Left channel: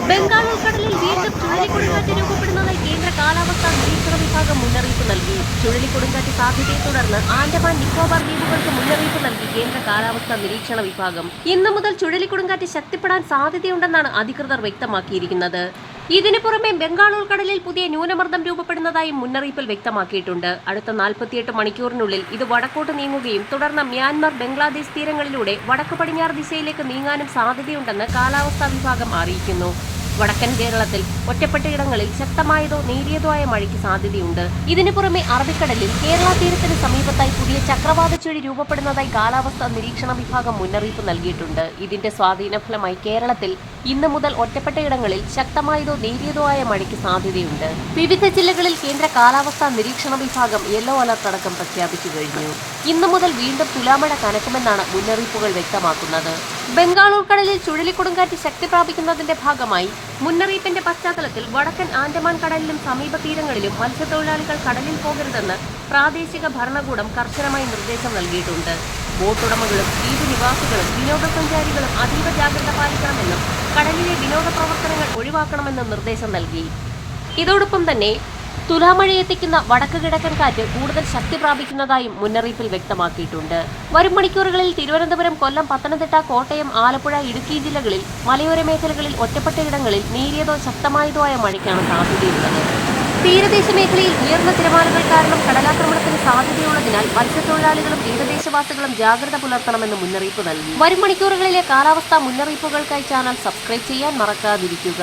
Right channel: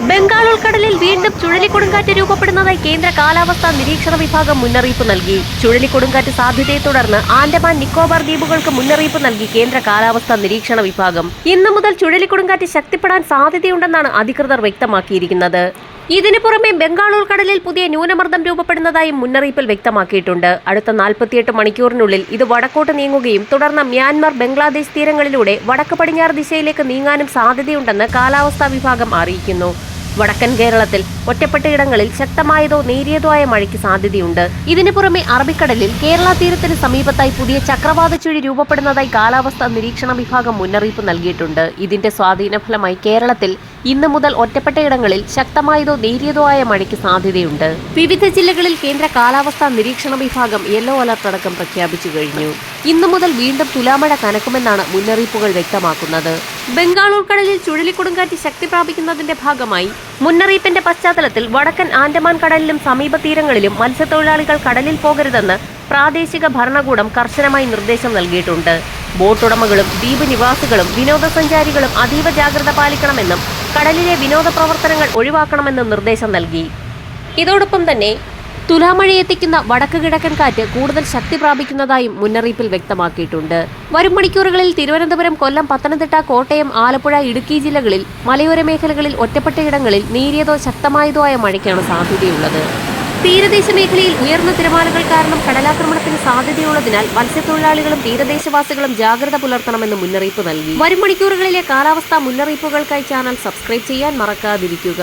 ബംഗാൾ ഉൾക്കടലിൽ വീണ്ടും ചുഴലിക്കൊടുങ്കാറ്റ് രൂപപ്പെടുന്നതായി കേന്ദ്ര കാലാവസ്ഥാ നിരീക്ഷണ വിഭാഗം മുന്നറിയിപ്പ് നൽകി. ചുഴലിക്കൊടുങ്കാറ്റ് സാധ്യതയെ തുടർന്ന് ആൻഡമാൻ നിക്കോബാർ ദ്വീപുകൾക്ക് മുന്നറിയിപ്പ് നൽകി കേന്ദ്ര കാലാവസ്ഥാ നിരീക്ഷണ വിഭാഗം. ഇന്നു മുതൽ ചുഴലിക്കൊടുങ്കാറ്റ് ശക്തിപ്പെടാൻ സാധ്യതയുണ്ടെന്നാണ് അധികൃതർ വ്യക്തമാക്കിയിരിക്കുന്നത്. ഇതിനു പുറമെ ബംഗാൾ ഉൾക്കടലിൽ പുതിയ ന്യൂനമർദ്ദം രൂപപ്പെടുന്നതായും മുന്നറിയിപ്പിൽ വ്യക്തമാക്കിയിട്ടുണ്ട്. അടുത്ത 48 മണിക്കൂറിനുള്ളിൽ ഇത് വടക്കോട്ട് നീങ്ങുകയും തുടർന്ന് മ്യാൻമർ, ബംഗ്ലാദേശ് തീരങ്ങളിലൂടെ വടക്ക് പടിഞ്ഞാറ് ദിശയിലേക്ക് നീങ്ങാനും സാധ്യതയുണ്ടെന്ന് കാലാവസ്ഥാ വിഭാഗം അറിയിക്കുന്നു. വടക്കൻ കേരളത്തിൽ ഒറ്റപ്പെട്ടയിടങ്ങളിൽ ശക്തമായതോ നേരിയതോ ആയ മഴയ്ക്ക് സാധ്യതയുണ്ട്. ഇതിനു പുറമെ അറബിക്കടലിൽ കേരള തീരത്തിന് സമീപത്തായി പുതിയ ചക്രവാത ചുഴി രൂപപ്പെടുന്നതായി കാലാവസ്ഥാ നിരീക്ഷണ വിഭാഗം മുന്നറിയിപ്പ് നൽകിയിട്ടുണ്ട്. ഇതിന്റെ സ്വാധീനഫലമായി കേരളത്തിൽ ഇന്നു മുതൽ ഒറ്റപ്പെട്ടയിടങ്ങളിൽ ശക്തമായതോ നേരിയതോ ആയ മഴയ്ക്ക് സാധ്യതയുണ്ട്. വിവിധ ജില്ലകളിൽ കേന്ദ്ര കാലാവസ്ഥാ നിരീക്ഷണ വിഭാഗം യെല്ലോ അലർട്ട് അടക്കം പ്രഖ്യാപിച്ചു കഴിഞ്ഞു. ഇന്നു മുതൽ വീണ്ടും തുലാമഴ കനക്കുമെന്നാണ് മുന്നറിയിപ്പുകൾ വ്യക്തമാക്കുന്നത്. ബംഗാൾ ഉൾക്കടലിൽ ചുഴലിക്കൊടുങ്കാറ്റ് ശക്തി പ്രാപിക്കുന്നതിന്റെ ഭാഗമായി മുന്നറിയിപ്പിന്റെ പശ്ചാത്തലത്തിൽ വടക്കൻ ആൻഡമാൻ കടലിലും സമീപ തീരങ്ങളിലും മത്സ്യത്തൊഴിലാളികൾ കടലിൽ പോകരുതെന്ന് പ്രാദേശിക ഭരണകൂടം കർശനമായി നിർദ്ദേശം നൽകിയിട്ടുണ്ട്. ബോട്ടുടമകളും ദ്വീപ് നിവാസികളും വിനോദസഞ്ചാരികളും അതീവ ജാഗ്രത പാലിക്കണമെന്നും കടലിലെ വിനോദ പ്രവർത്തനങ്ങൾ ഒഴിവാക്കണമെന്നും നിർദ്ദേശം നൽകി. ഇതോടൊപ്പം തന്നെ തുലാമഴയെത്തിക്കുന്ന വടക്ക് കിഴക്കൻ കാറ്റ് കൂടുതൽ ശക്തി പ്രാപിക്കുന്നതായും മുന്നറിയിപ്പിൽ വ്യക്തമാക്കിയിട്ടുണ്ട്. വരും മണിക്കൂറുകളിൽ തിരുവനന്തപുരം, കൊല്ലം, പത്തനംതിട്ട, കോട്ടയം, ആലപ്പുഴ, ഇടുക്കി ജില്ലകളിൽ മലയോര മേഖലകളിൽ ഒറ്റപ്പെട്ടയിടങ്ങളിൽ നേരിയതോ ശക്തമായതോ ആയ മഴയ്ക്കാണ് സാധ്യതയുള്ളത്. തീരദേശ മേഖലയിൽ ഉയർന്ന തിരമാലകൾ കാരണം കടലാക്രമണത്തിന് സാധ്യതയുള്ളതിനാൽ മത്സ്യത്തൊഴിലാളികളും തീരദേശവാസികളും ജാഗ്രത പുലർത്തണമെന്ന് മുന്നറിയിപ്പ് നൽകി. വരും മണിക്കൂറുകളിലെ കാലാവസ്ഥാ മുന്നറിയിപ്പുകൾക്കായി ചാനൽ സബ്സ്ക്രൈബ് ചെയ്യാൻ മറക്കാതിരിക്കുക.